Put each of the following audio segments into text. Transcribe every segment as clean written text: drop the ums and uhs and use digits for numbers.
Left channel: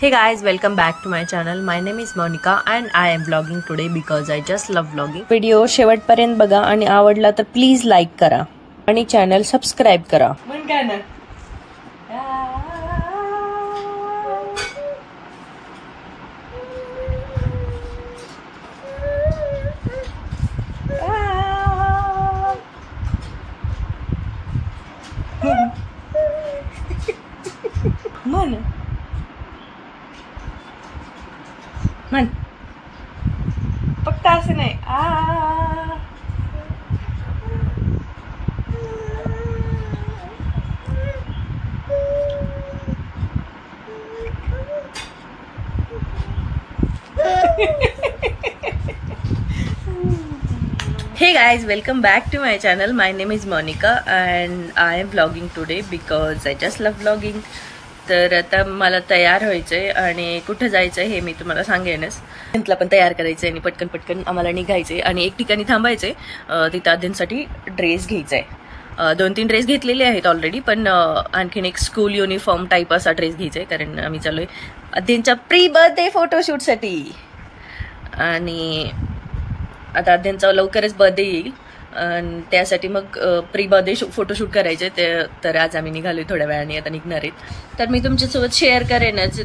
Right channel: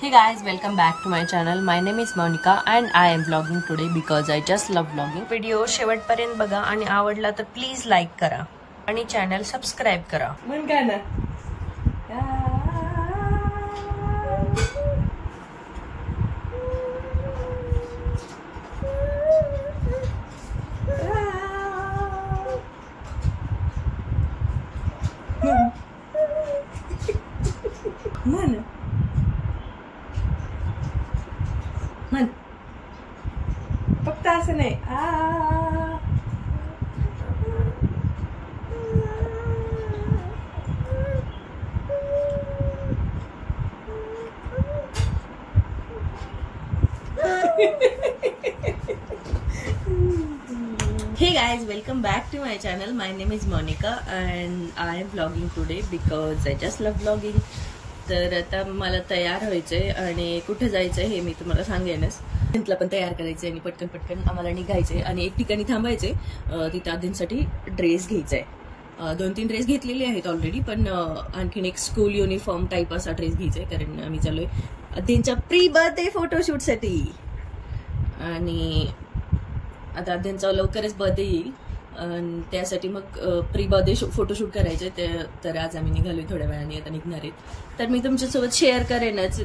Hey guys, welcome back to my channel. My name is Monica and I am vlogging today because I just love vlogging. Video शेवटपर्यंत बघा आणि आवडला तर please like करा आणि channel subscribe करा. मन काय ना मन मन फक्त असं नाही Hey guys, welcome back to my channel. My name is Monica and I am vlogging today because I just love vlogging. तर आता मला तयार व्हायचंय आणि कुठे जायचंय हे मी तुम्हाला सांगेनच. तिला पण तयार करायचंय आणि पटकन पटकन आम्हाला निघायचंय आणि एक ठिकाणी थांबायचंय. तिथं आद्यांसाठी ड्रेस घ्यायचाय. 2-3 ड्रेस घेतलेले आहेत ऑलरेडी, पण आणखीन एक स्कूल युनिफॉर्म टाईप असा ड्रेस घ्यायचाय कारण आम्ही चाललोय आद्यांच्या प्री बर्थडे फोटोशूटसाठी. आणि आता आद्यांचा लवकरच बर्थडे येईल आणि त्यासाठी मग प्री बर्थडे फोटोशूट करायचे ते. तर आज आम्ही निघालोय, थोड्या वेळाने आता निघणार आहेत. तर मी तुमच्यासोबत शेअर करेनच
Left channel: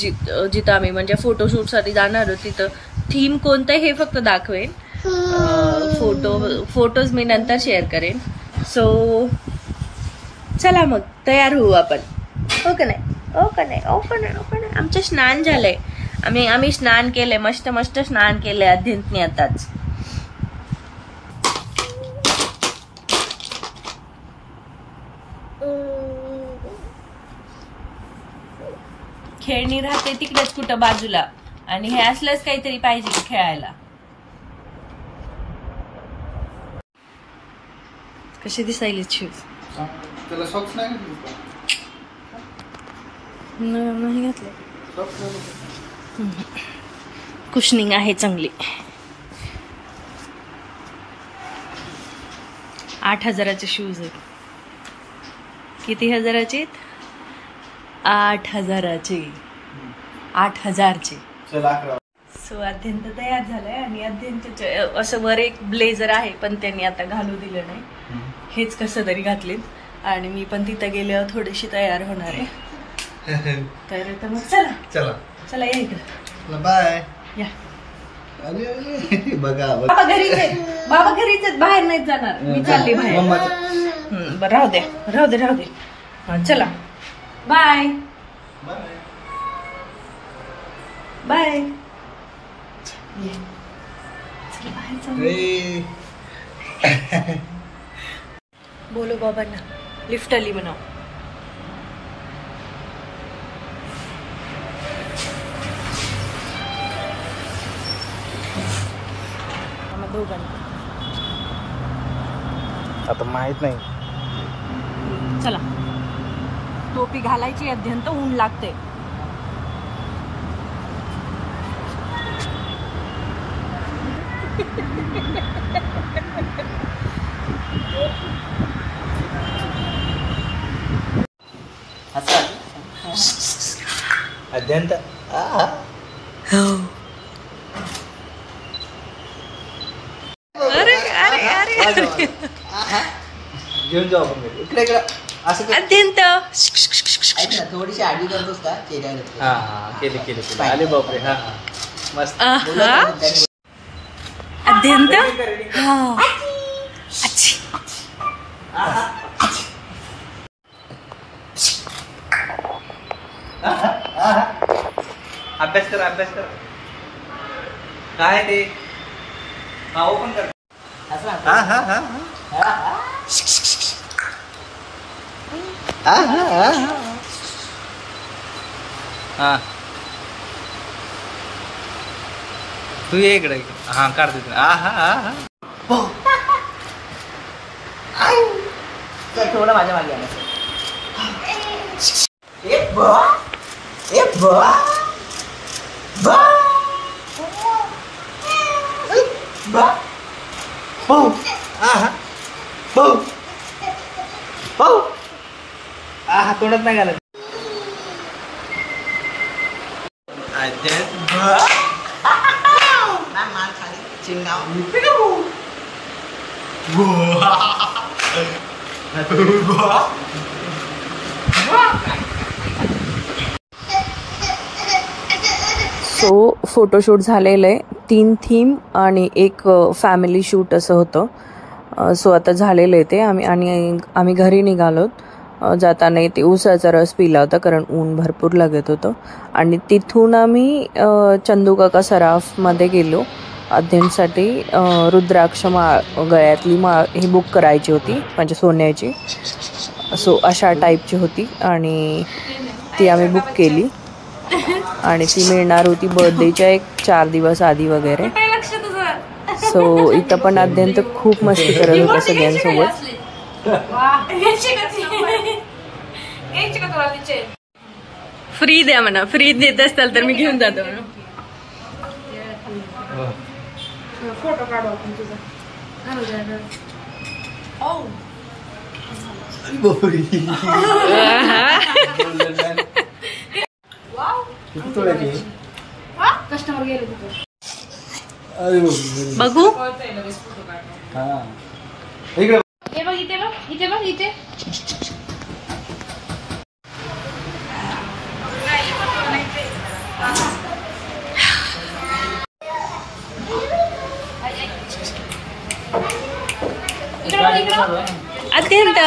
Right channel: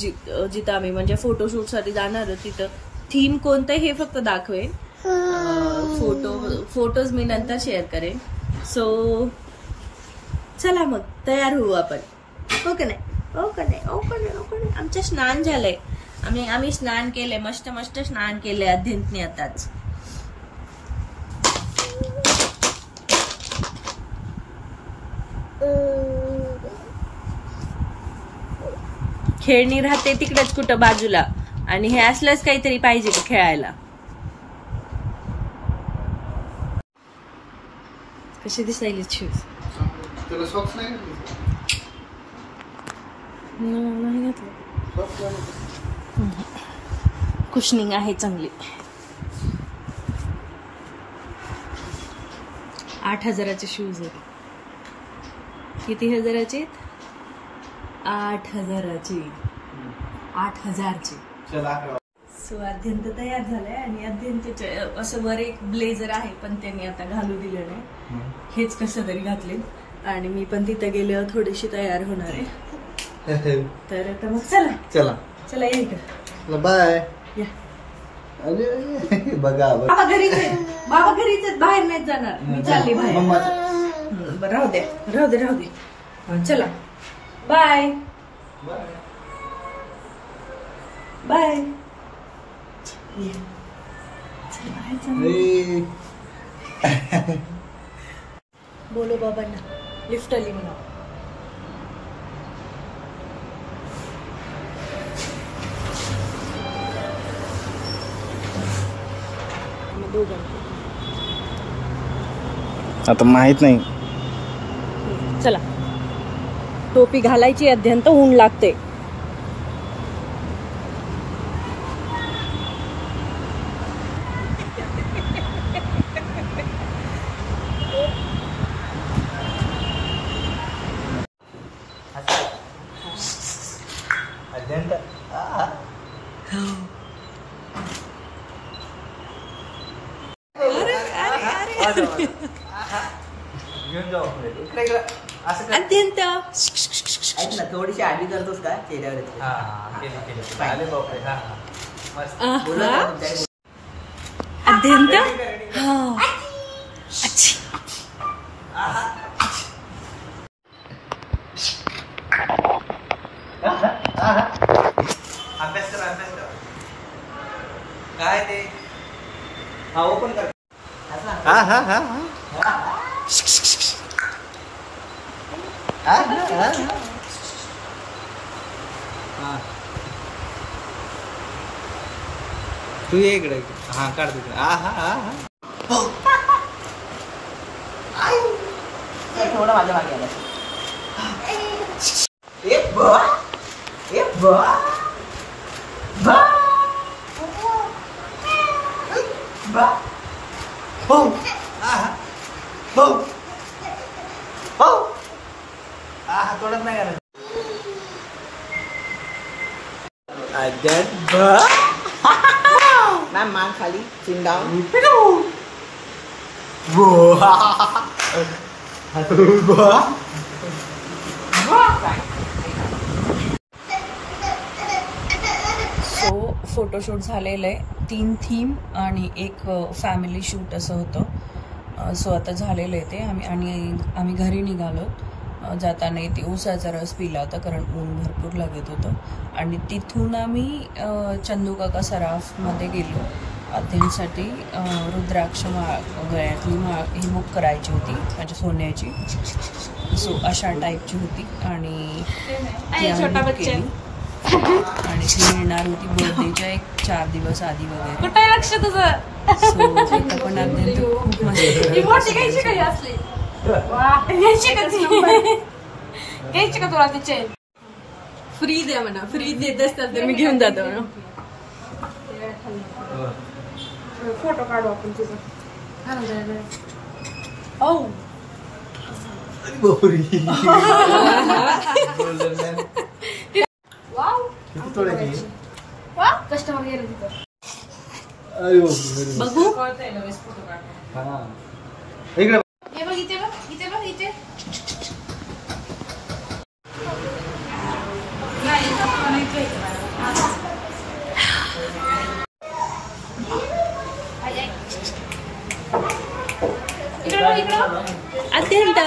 जिथं आम्ही म्हणजे फोटोशूटसाठी जाणार आहोत तिथं थीम कोणतं हे फक्त दाखवेन. फोटोज मी नंतर शेअर करेन. सो चला मग तयार होऊ आपण. हो का नाही? हो का नाही? हो का नाही? हो का नाही? आमचं स्नान झालंय. आम्ही स्नान केलंय, मस्त मस्त स्नान केलंय अध्यंतने आताच. खेळणी राहते तिकडेच कुठं बाजूला आणि हे असलंच काहीतरी पाहिजे का खेळायला. कसे दिसायले शूज? नाही घातले. कुशनिंग आहे चांगली. 8,000चे शूज आहेत. किती हजाराचे? 8,000चे. 8,000चे. सो अध्यंत तयार झालाय आणि अध्यंत असं वर एक ब्लेझर आहे पण त्यांनी आता घालू दिलं नाही. हेच कसं तरी घातलेत आणि मी पण तिथं गेल्यावर थोडीशी तयार होणार आहे. तर आता मग चला चला चला या इकडं. बाय या. बघा बाबा घरीच आहेत. बाबा घरीच आहेत, बाहेर नाहीत जाणार. मी चालली बाहेर. बरं राहू दे राहू दे राहू दे. चला बाय बाय. बोलो बाबांना लिफ्ट आली म्हणाव. आता माहित नाही. चला टोपी घालायची. अध्यंत ऊन लागते. अध्यंत अरे अरे अरे घेऊन जाऊ इकडे इकडे असं. अत्यंत थोडीशी आडवी करतोस का चेहऱ्यावर? केली केली. आले बापरे. हा मस्त. अत्यंत हा अच्छी. अभ्यास कर अभ्यास कर. काय ते हा ओपन कर. हा हा हा हा तू ये इकडे. हा काढ तिथे. हा हा हा थोडं माझ्या मागे. तोंडात नाही घालत. मान खाली चिंगाव सो फोटोशूट झालेलं आहे. 3 थीम आणि एक फॅमिली शूट असं होतं. सो आता झालेलं आहे ते. आम्ही घरी निघालोत. जाताना ते ऊसाचा रस पिला होता कारण ऊन भरपूर लागत होतं. आणि तिथून आम्ही चंदूकाका सराफमध्ये गेलो अध्ययनसाठी. रुद्राक्ष माळ, गळ्यातली माळ ही बुक करायची होती म्हणजे सोन्याची. सो अशा टाईपची होती आणि ती आम्ही बुक केली आणि ती मिळणार होती बर्थडेच्या 4 दिवस आधी वगैरे. सो इथं पण अध्ययन खूप मस्ती करत होता सगळ्यांसोबत. फ्री द्या म्हणा. फ्री देत असताल तर मी घेऊन जातो म्हणा. फोटो काढू आपण तुझा. कस्टमर गेले तिथे. बघू हे बघ इथे बघ इथे बघ इथे. अत्यंत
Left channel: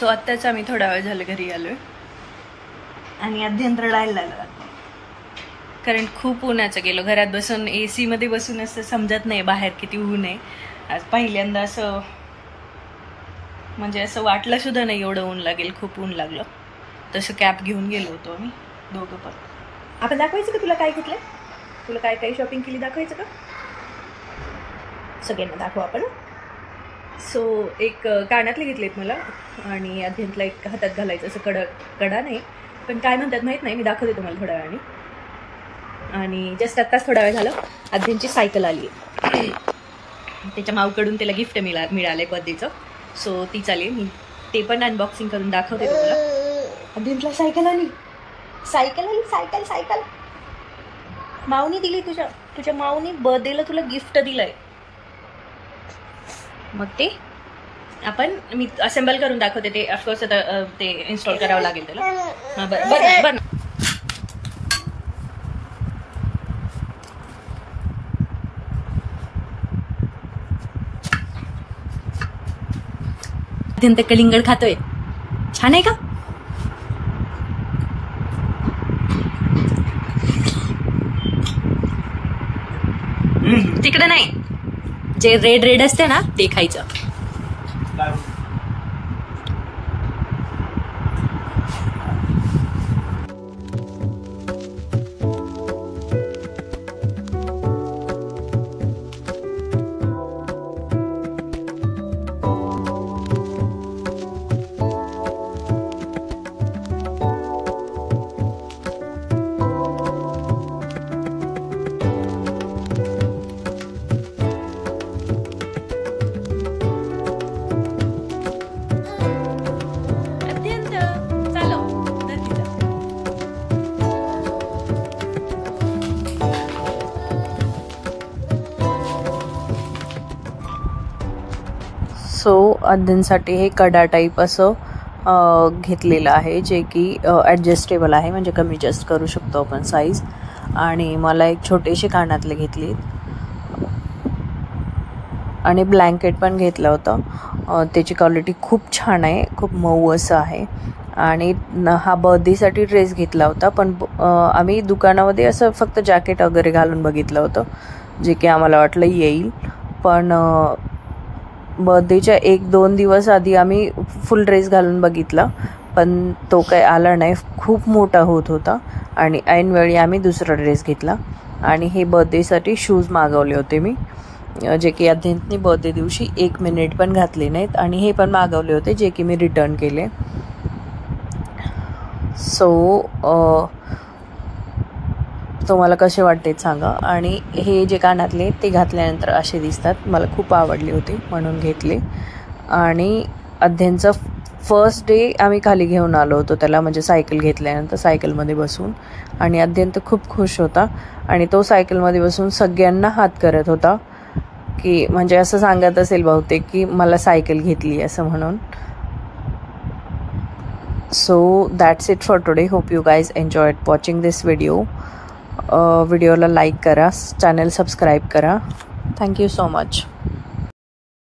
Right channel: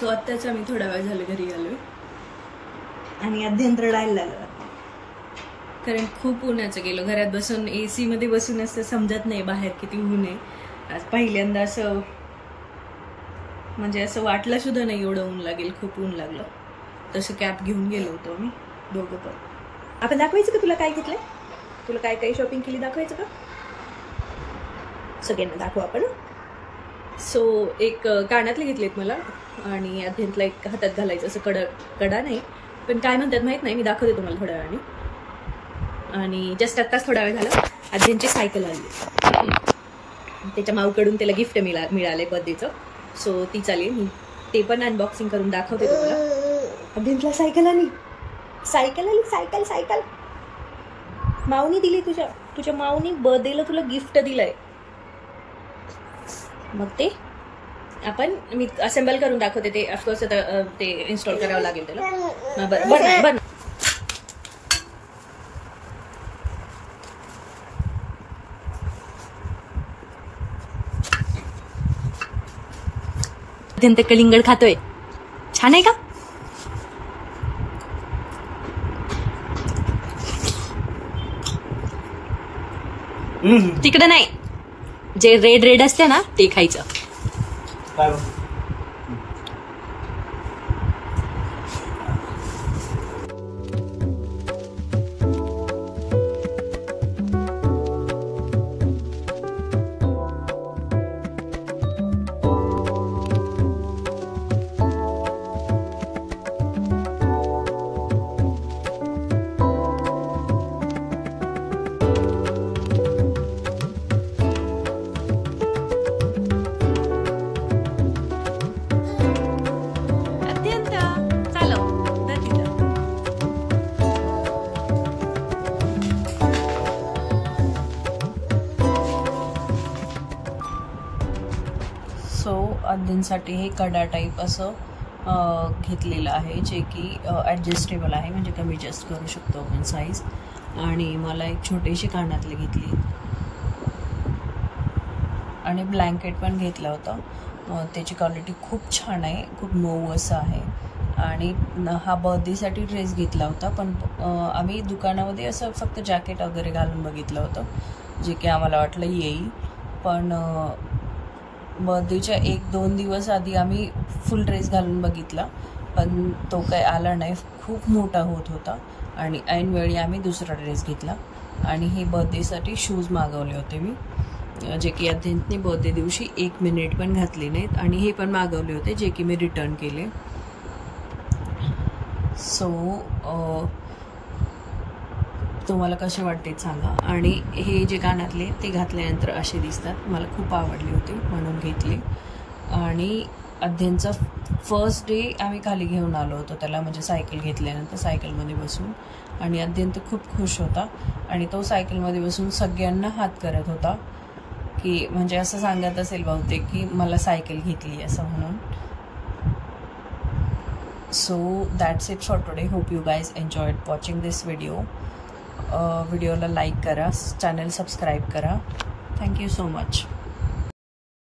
तो आत्ताच आम्ही थोडा वेळ झाला घरी आलोय आणि अध्ययन रडायला लागला कारण खूप उन्हाचं गेलो. घरात बसून AC मध्ये बसून असं समजत नाही बाहेर किती ऊन आहे. आज पहिल्यांदा असं म्हणजे असं वाटलं सुद्धा नाही एवढं ऊन लागेल. खूप ऊन लागलं. तसं कॅप घेऊन गेलो होतो आम्ही दोघं पण. आपण दाखवायचं का तुला काय घेतलंय? तुला काय काय शॉपिंग केली दाखवायचं का? सगळ्यांना दाखवू आपण. सो एक कानातले घेतलेत मला आणि अध्ययनला एक हातात घालायचं असं कडा नाही पण काय म्हणतात माहीत नाही. मी दाखवते तुम्हाला थोड्या वेळाने. आणि जस्ट आत्ताच थोडा वेळ झाला अध्ययनची सायकल आली आहे. त्याच्या माऊकडून त्याला गिफ्ट मिळालंय बर्थडेचं. सो ती चालेल. मी ते पण अनबॉक्सिंग करून दाखवते तुम्हाला. अध्ययनला सायकल आली. सायकल माऊनी दिली. तुझ्या माऊनी बर्थडेला तुला गिफ्ट दिलंय. मग ते मी असेंबल करून दाखवते. ते ऑफकोर्स आता ते इन्स्टॉल करावं लागेल त्याला. बरं अत्यंत कलिंगड खातोय. छान आहे का? तिकडे नाही. जे रेड असते ना ते खायचं. सो अध्ययनसाठी हे कडा टाईप असं घेतलेलं आहे जे की ॲडजस्टेबल आहे म्हणजे कमी जास्त करू शकतो आपण साईज. आणि मला एक छोटेसे कानातले घेतले आणि ब्लँकेट पण घेतलं होतं. त्याची क्वालिटी खूप छान आहे. खूप मऊ असं आहे. आणि हा बर्थडेसाठी ड्रेस घेतला होता पण आम्ही दुकानामध्ये असं फक्त जॅकेट वगैरे घालून बघितलं होतं जे की आम्हाला वाटलं येईल. पण बर्थडेच्या 1-2 दिवस आधी आम्ही फुल ड्रेस घालून बघितला पण तो काही आला नाही, खूप मोठा होत होता. आणि ऐनवेळी आम्ही दुसरा ड्रेस घेतला. आणि हे बर्थडेसाठी शूज मागवले होते मी, जे की अध्यंतनी बर्थडे दिवशी 1 मिनिट पण घातले नाहीत. आणि हे पण मागवले होते जे की मी रिटर्न केले. सो तुम्हाला कसे वाटते सांगा. आणि हे जे कानातले ते घातल्यानंतर असे दिसतात, मला खूप आवडले होते म्हणून घेतले. आणि अध्ययनचं फर्स्ट डे आम्ही खाली घेऊन आलो होतो त्याला, म्हणजे सायकल घेतल्यानंतर सायकलमध्ये बसून. आणि अध्ययन तर खूप खुश होता आणि तो सायकलमध्ये बसून सगळ्यांना हात करत होता, की म्हणजे असं सांगत असेल बहुतेक की मला सायकल घेतली असं म्हणून. So that's it for today. Hope you guys enjoyed watching this video. व्हिडिओला लाईक करा, चॅनल सबस्क्राईब करा. Thank you so much.